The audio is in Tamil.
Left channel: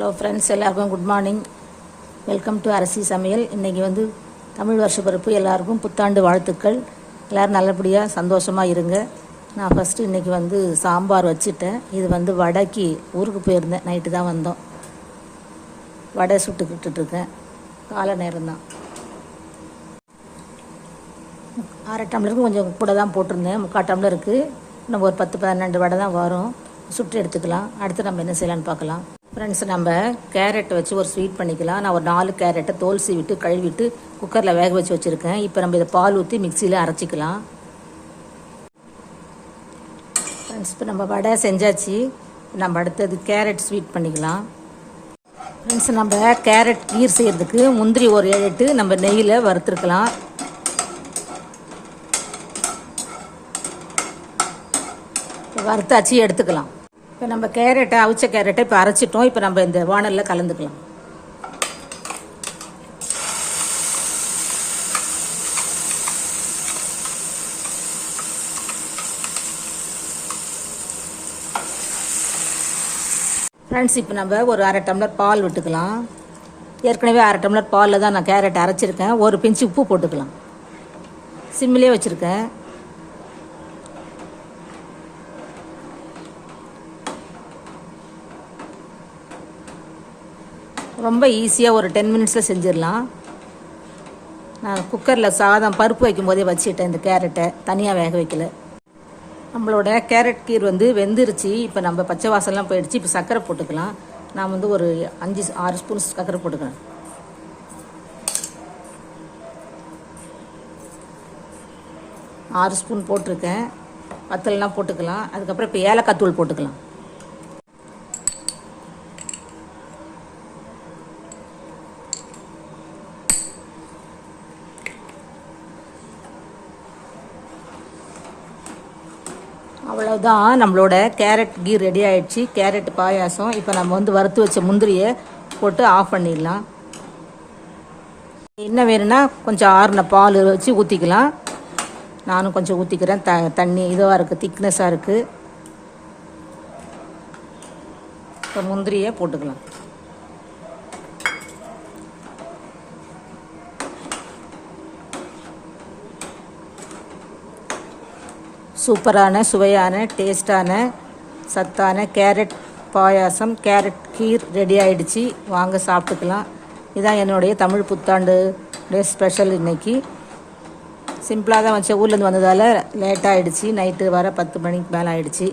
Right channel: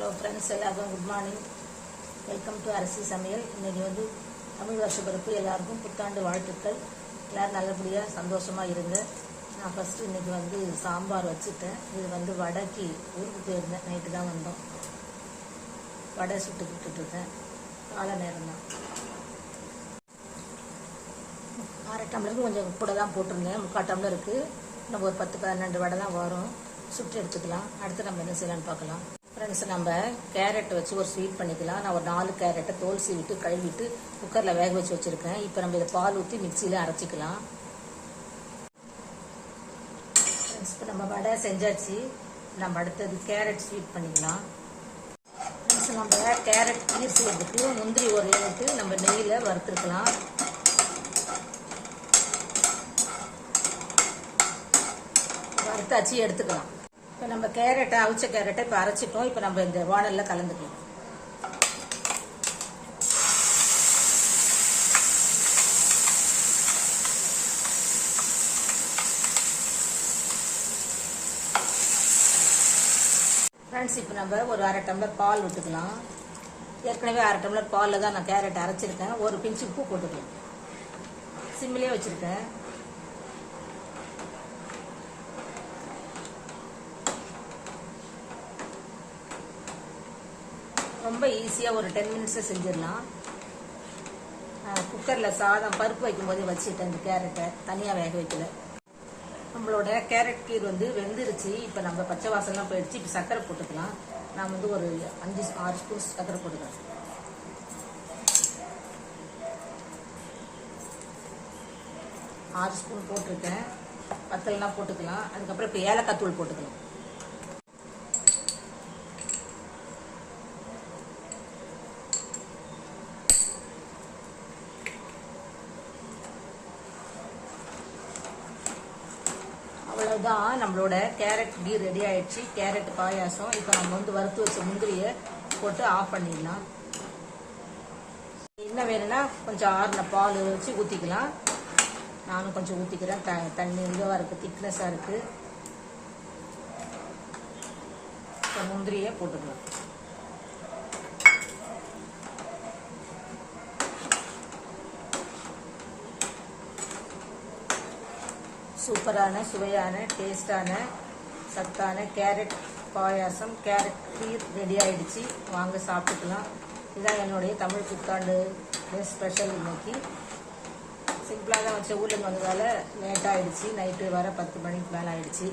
ஹலோ ஃப்ரெண்ட்ஸ், எல்லாருக்கும் குட் மார்னிங். வெல்கம் டு அரசி சமையல். இன்றைக்கி வந்து தமிழ் வருஷ பிறப்பு. எல்லாருக்கும் புத்தாண்டு வாழ்த்துக்கள். எல்லோரும் நல்லபடியாக சந்தோஷமாக இருங்க. நான் ஃபஸ்ட்டு இன்றைக்கி வந்து சாம்பார் வச்சுட்டேன். இது வந்து வடைக்கு ஊருக்கு போயிருந்தேன், நைட்டு தான் வந்தோம். வடை சுட்டுக்கிட்டுருக்கேன். காலை நேரம்தான். அரை டம்ளருக்கு கொஞ்சம் கூட தான் போட்டிருந்தேன், 3/4 டம்ளருக்கு. இன்னும் ஒரு 10-12 வடை தான் வரும். சுட்டு எடுத்துக்கலாம். அடுத்து நம்ம என்ன செய்யலான்னு பார்க்கலாம். ஃப்ரெண்ட்ஸ், நம்ம கேரட்டை வச்சு ஒரு ஸ்வீட் பண்ணிக்கலாம். நான் ஒரு 4 கேரட்டை தோல் சீவிட்டு கழுவிட்டு குக்கரில் வேக வச்சு வச்சுருக்கேன். இப்போ நம்ம இதை பால் ஊற்றி மிக்சியில் அரைச்சிக்கலாம். ஃப்ரெண்ட்ஸ், இப்போ நம்ம வடை செஞ்சாச்சு. நம்ம அடுத்தது கேரட் ஸ்வீட் பண்ணிக்கலாம். ஃப்ரெண்ட்ஸ், நம்ம கேரட் கீர் செய்கிறதுக்கு முந்திரி ஒரு 7-8 நம்ம நெய்யில் வறுத்துருக்கலாம். வறுத்தாச்சு எடுத்துக்கலாம். இப்போ நம்ம கேரட்டை அவிச்ச கேரட்டை இப்போ அரைச்சிட்டோம். இப்போ நம்ம இந்த வானலில் கலந்துக்கலாம். ஃப்ரெண்ட்ஸ், இப்போ நம்ம ஒரு அரை டம்ளர் பால் விட்டுக்கலாம். ஏற்கனவே அரை டம்ளர் பாலில் தான் நான் கேரட் அரைச்சிருக்கேன். ஒரு பிஞ்சு உப்பு போட்டுக்கலாம். சிம்மிலே வச்சுருக்கேன். ரொம்ப ஈஸியாக ஒரு 10 மினிட்ஸில் செஞ்சிடலாம். நான் குக்கரில் சாதம் பருப்பு வைக்கும் போதே வச்சுட்டேன். இந்த கேரட்டை தனியாக வேக வைக்கல. நம்மளோட கேரட் கீர் வந்து வெந்துருச்சு. இப்போ நம்ம பச்சை வாசம்லாம் போயிடுச்சு. இப்போ சர்க்கரை போட்டுக்கலாம். நான் வந்து ஒரு 5-6 ஸ்பூன் சர்க்கரை போட்டுக்கிறேன். ஆறு ஸ்பூன் போட்டிருக்கேன். பத்தலைனா போட்டுக்கலாம். அதுக்கப்புறம் இப்போ ஏலக்காய் தூள் போட்டுக்கலாம். அவ்வளோதான், நம்மளோட கேரட் கீ ரெடி ஆகிடுச்சு. கேரட் பாயாசம். இப்போ நம்ம வந்து வறுத்து வச்ச முந்திரியை போட்டு ஆஃப் பண்ணிடலாம். என்ன வேணும்னா கொஞ்சம் ஆறின பால் வச்சு ஊற்றிக்கலாம். நானும் கொஞ்சம் ஊற்றிக்கிறேன். தண்ணி இதுவாக இருக்குது, திக்னஸாக இருக்குது. இப்போ முந்திரியை போட்டுக்கலாம். சூப்பரான சுவையான டேஸ்டான சத்தான கேரட் பாயாசம், கேரட் கீர் ரெடி ஆகிடுச்சு. வாங்க சாப்பிட்டுக்கலாம். இதுதான் என்னுடைய தமிழ் புத்தாண்டு ஸ்பெஷல். இன்றைக்கி சிம்பிளாக தான் வச்ச. ஊர்லேருந்து வந்ததால் லேட்டாக ஆகிடுச்சு. நைட்டு வர 10 மணிக்கு மேலே ஆகிடுச்சு.